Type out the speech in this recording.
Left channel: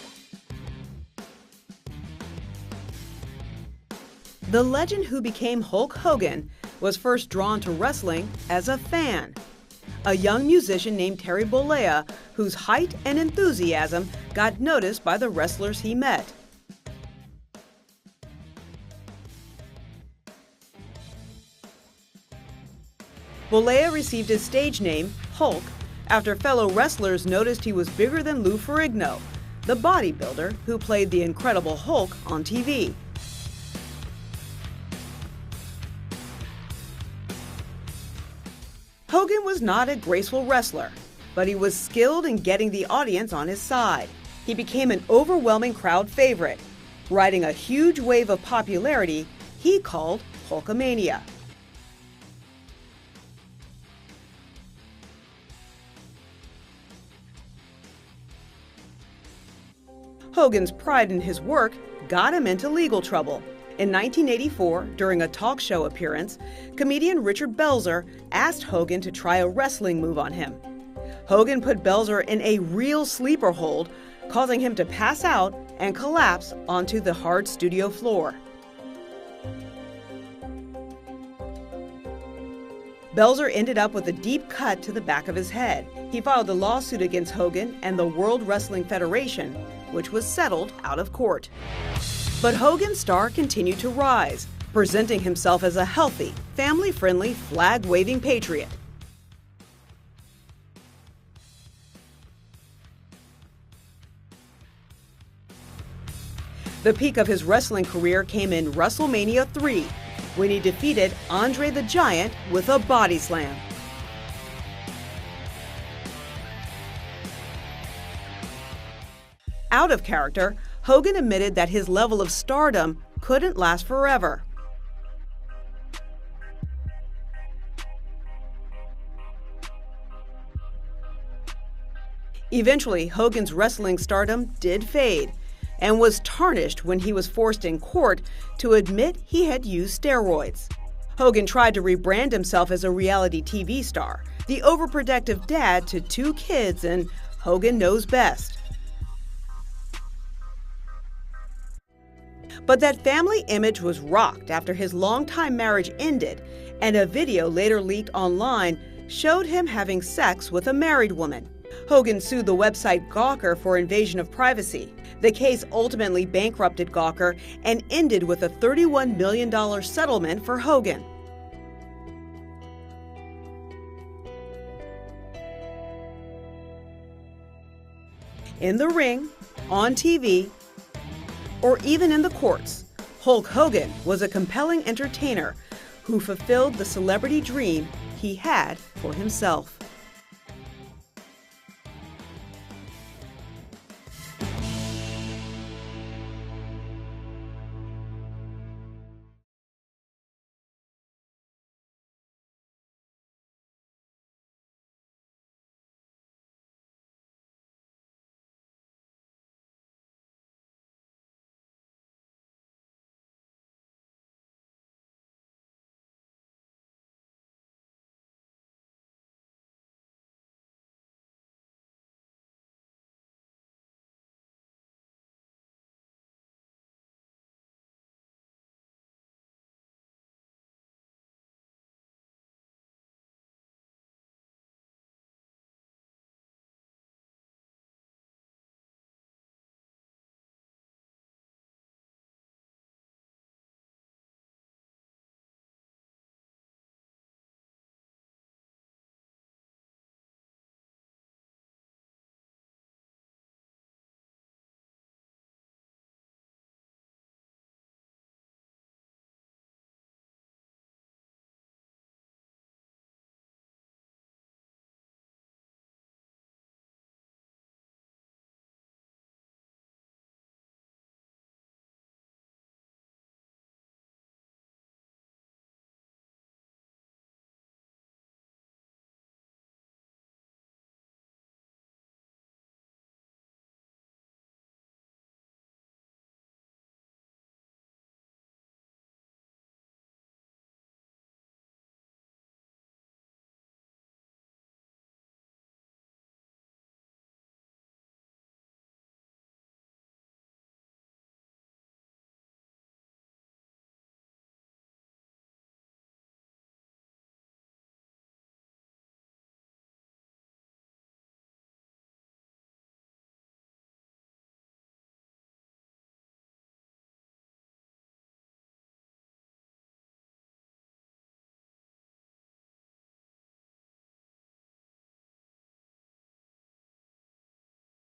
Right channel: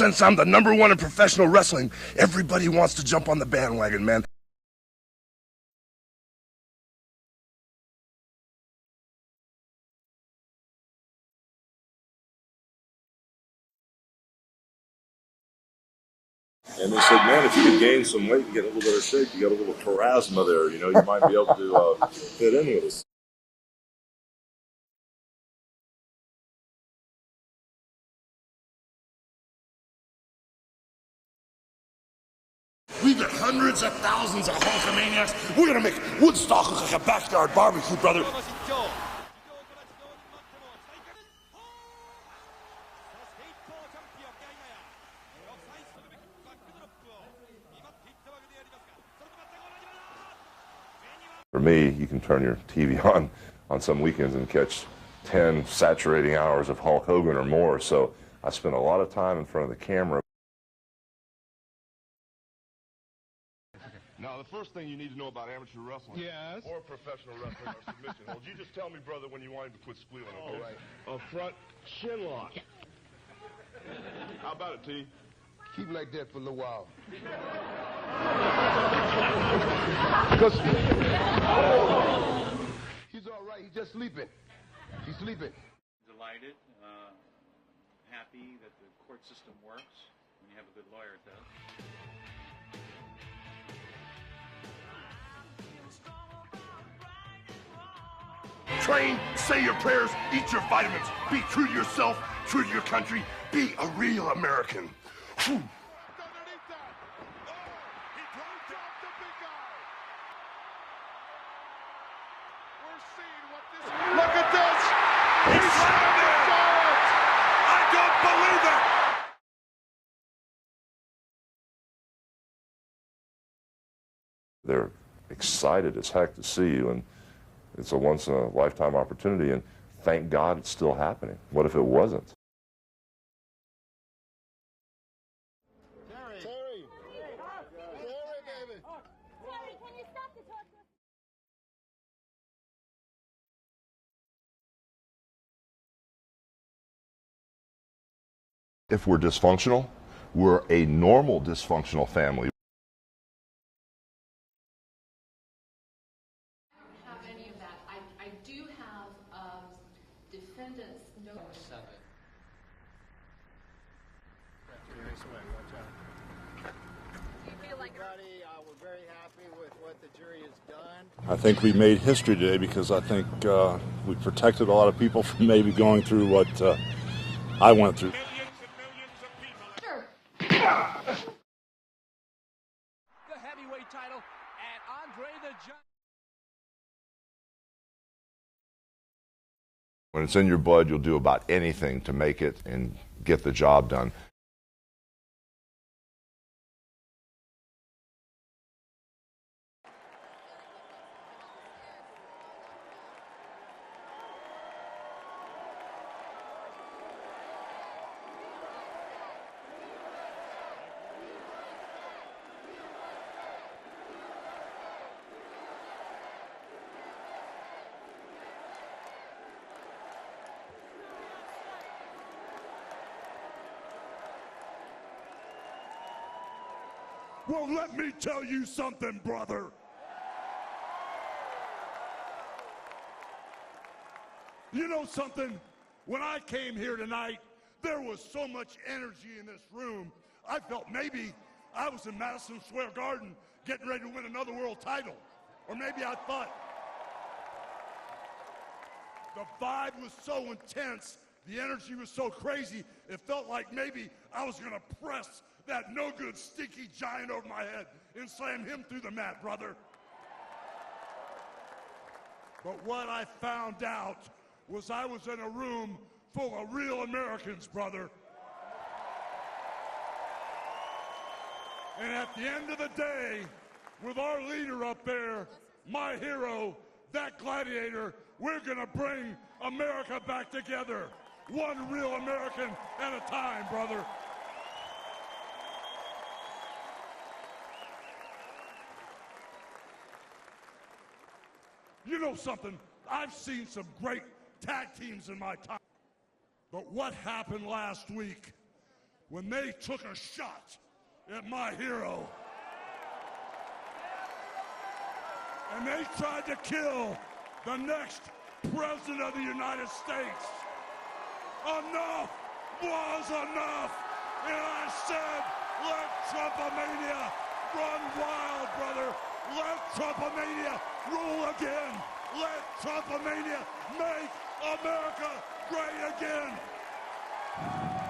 since I'm the #1 in professional wrestling, everybody wants to jump on the bandwagon, man. The legend who became Hulk Hogan was first drawn to wrestling as a fan. A young musician named Terry Bollea, whose height and enthusiasm got noticed by the wrestlers he met. And they said, man, if you could gain some weight and get a little bit of shape, you got a little charisma there, you might be able to fit in with us. Bollea received his stage name, Hulk, after fellow wrestlers noticed he was bigger than Lou Ferrigno, the bodybuilder who played the Incredible Hulk on TV. We've got hundreds of thousands of Hulkamaniacs. We're gonna make Woodstock look like a backyard barbecue, brother. Hogan was not a graceful wrestler, but he was skilled in getting the audience on his side. He became an overwhelming crowd favorite, riding a huge wave of popularity he called Hulkamania. For me, you can turn your TV on some weekends and catch 10 saturating hours of Hulk Hogan or more, so I spent a lot of time in front of the camera. Hogan's pride in his work got him into legal trouble. In 1984, during a talk show appearance, comedian Richard Belzer asked Hogan to try a wrestling move on him. Hogan put Belzer in a real sleeper hold, causing him to pass out and collapse onto the hard studio floor. Belzer ended up with a deep cut to the back of his head. He filed a lawsuit against Hogan and the World Wrestling Federation, which was settled out of court. But Hogan's star continued to rise, presenting himself as a healthy, family-friendly, flag-waving patriot. Train, say your prayers, eat your vitamins, be true to yourself, true to your country, be a real American. Whew. The peak of his wrestling career came in WrestleMania 3, when he defeated Andre the Giant with a body slam. Look at this! He's I don't believe it! Out of character, Hogan admitted that his level of stardom couldn't last forever. They're excited as heck to see you, and it's a once-in-a-lifetime opportunity, and thank God it's still happening. What if it wasn't? Eventually, Hogan's wrestling stardom did fade and was tarnished when he was forced in court to admit he had used steroids. Hogan tried to rebrand himself as a reality TV star, the overprotective dad to 2 kids, and Hogan knows best. If we're dysfunctional, we're a normal dysfunctional family. But that family image was rocked after his longtime marriage ended, and a video later leaked online showed him having sex with a married woman. Hogan sued the website Gawker for invasion of privacy. The case ultimately bankrupted Gawker and ended with a $31 million settlement for Hogan. I think we made history today because I think we protected a lot of people from maybe going through what I went through. In the ring, on TV, or even in the courts, Hulk Hogan was a compelling entertainer who fulfilled the celebrity dream he had for himself. When it's in your blood, you'll do about anything to make it and get the job done. Well, let me tell you something, brother. You know something? When I came here tonight, there was so much energy in this room. I felt maybe I was in Madison Square Garden getting ready to win another world title. Or maybe I thought the vibe was so intense, the energy was so crazy, it felt like maybe I was going to press that no-good, stinky giant over my head and slam him through the mat, brother. But what I found out was I was in a room full of real Americans, brother. And at the end of the day, with our leader up there, my hero, that gladiator, we're gonna bring America back together. One real American at a time, brother. You know something? I've seen some great tag teams in my time. But what happened last week when they took a shot at my hero. And they tried to kill the next president of the United States. Enough was enough. And I said, let Trumpomania run wild, brother. Let Trumpomania rule again. Let Trumpomania make America great again.